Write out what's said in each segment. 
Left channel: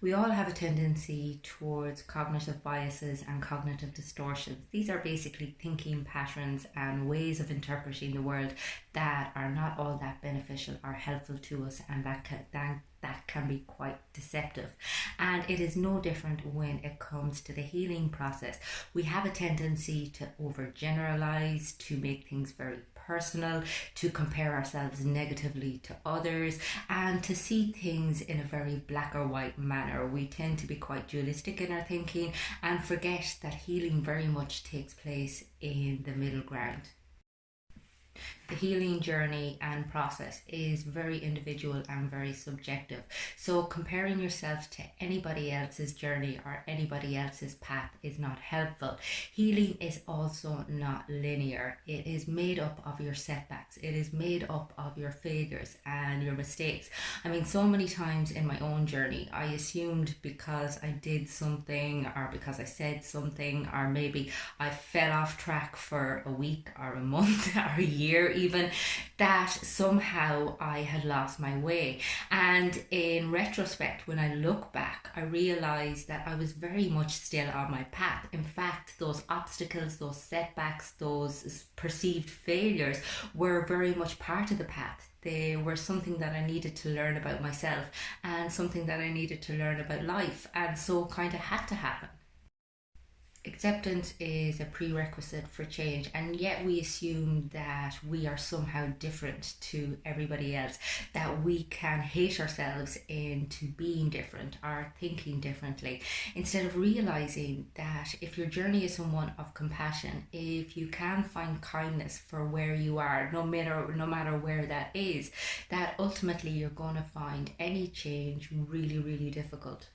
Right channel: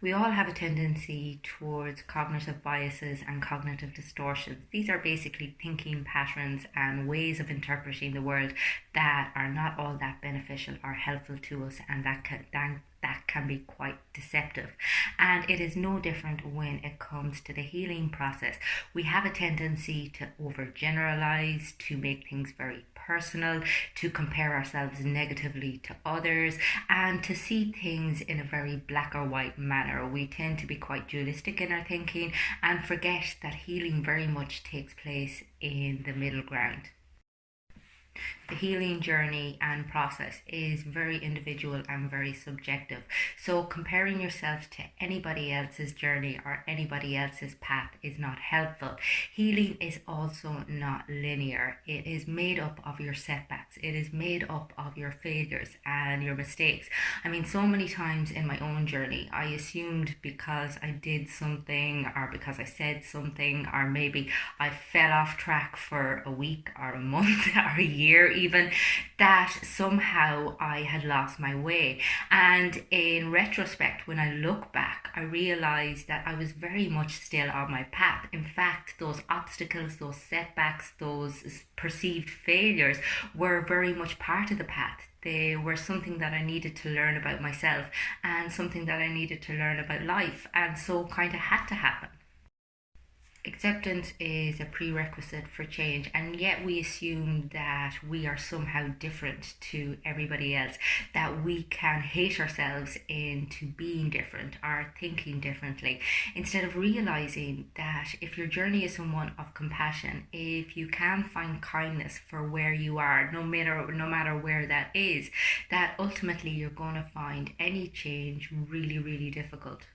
We all have a tendency towards cognitive biases and cognitive distortions. These are basically thinking patterns and ways of interpreting the world that are not all that beneficial or helpful to us, and that can be quite deceptive. And it is no different when it comes to the healing process. We have a tendency to overgeneralize, to make things very personal, to compare ourselves negatively to others, and to see things in a very black or white manner. We tend to be quite dualistic in our thinking and forget that healing very much takes place in the middle ground. The healing journey and process is very individual and very subjective. So, comparing yourself to anybody else's journey or anybody else's path is not helpful. Healing is also not linear, it is made up of your setbacks, it is made up of your failures and your mistakes. I mean, so many times in my own journey, I assumed because I did something or because I said something, or maybe I fell off track for a week or a month or a year even, that somehow I had lost my way. And in retrospect, when I look back, I realized that I was very much still on my path. In fact, those obstacles, those setbacks, those perceived failures were very much part of the path. They were something that I needed to learn about myself and something that I needed to learn about life, and so kind of had to happen. Acceptance is a prerequisite for change, and yet we assume that we are somehow different to everybody else, that we can hate ourselves into being different or thinking differently, instead of realizing that if your journey is one of compassion, if you can find kindness for where you are, no matter where that is, that ultimately you're going to find any change really, really difficult.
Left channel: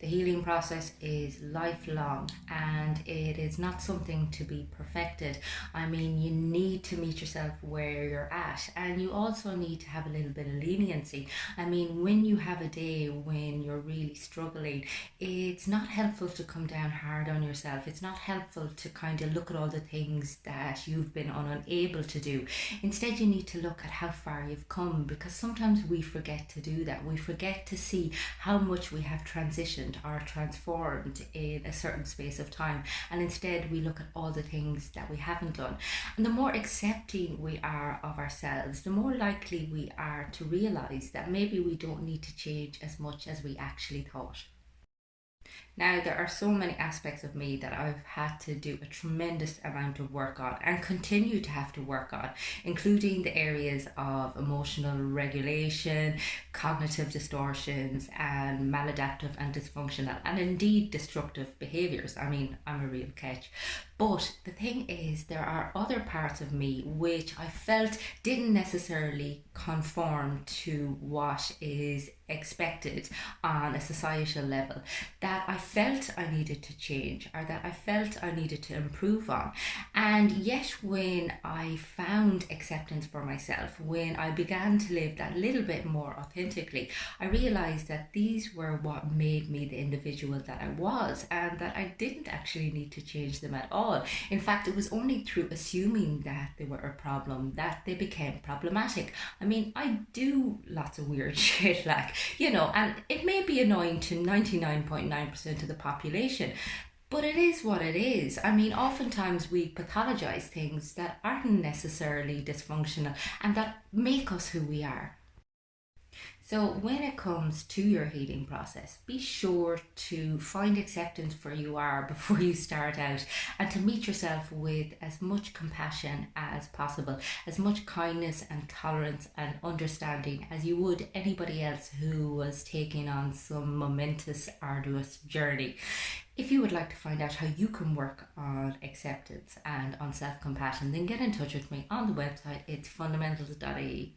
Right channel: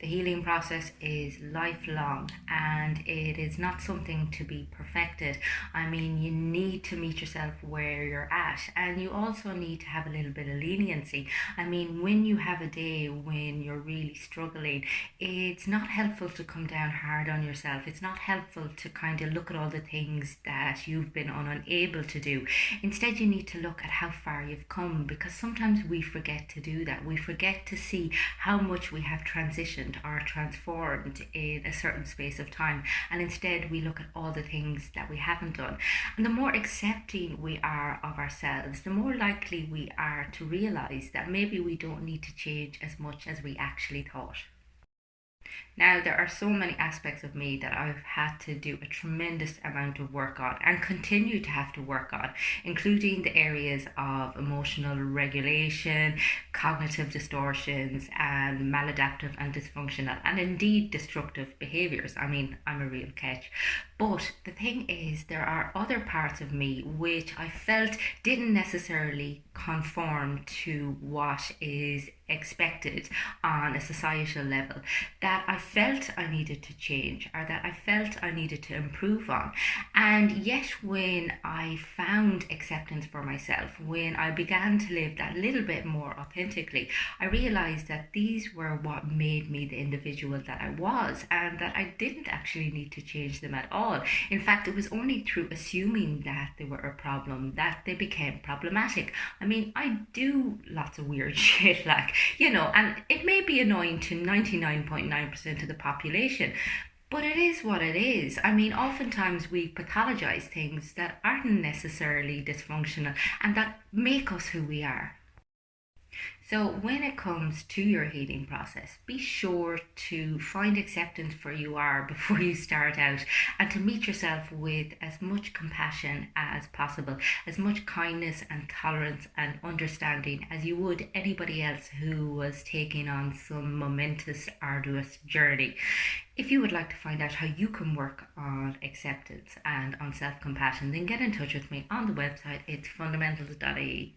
The healing process is lifelong and it is not something to be perfected. I mean, you need to meet yourself where you're at, and you also need to have a little bit of leniency. I mean, when you have a day when you're really struggling, it's not helpful to come down hard on yourself. It's not helpful to kind of look at all the things that you've been unable to do. Instead, you need to look at how far you've come, because sometimes we forget to do that. We forget to see how much we have transitioned or transformed in a certain space of time, and instead we look at all the things that we haven't done. And the more accepting we are of ourselves, the more likely we are to realize that maybe we don't need to change as much as we actually thought. Now, there are so many aspects of me that I've had to do a tremendous amount of work on and continue to have to work on, including the areas of emotional regulation, cognitive distortions, and maladaptive and dysfunctional, and indeed destructive behaviors. I mean, I'm a real catch. But the thing is, there are other parts of me which I felt didn't necessarily conform to what is expected on a societal level, that I felt I needed to change or that I felt I needed to improve on. And yet, when I found acceptance for myself, when I began to live that little bit more authentically, I realized that these were what made me the individual that I was, and that I didn't actually need to change them at all. In fact, it was only through assuming that they were a problem that they became problematic. I mean, I do lots of weird shit, like, and it may be annoying to 99.9% of the population, but it is what it is. I mean, oftentimes we pathologize things that aren't necessarily dysfunctional and that make us who we are. So, when it comes to your healing process, be sure to find acceptance for you are before you start out, and to meet yourself with as much compassion as possible, as much kindness and tolerance and understanding as you would anybody else who was taking on some momentous, arduous journey. If you would like to find out how you can work on acceptance and on self compassion, then get in touch with me on the website. It's fundamentals.ie.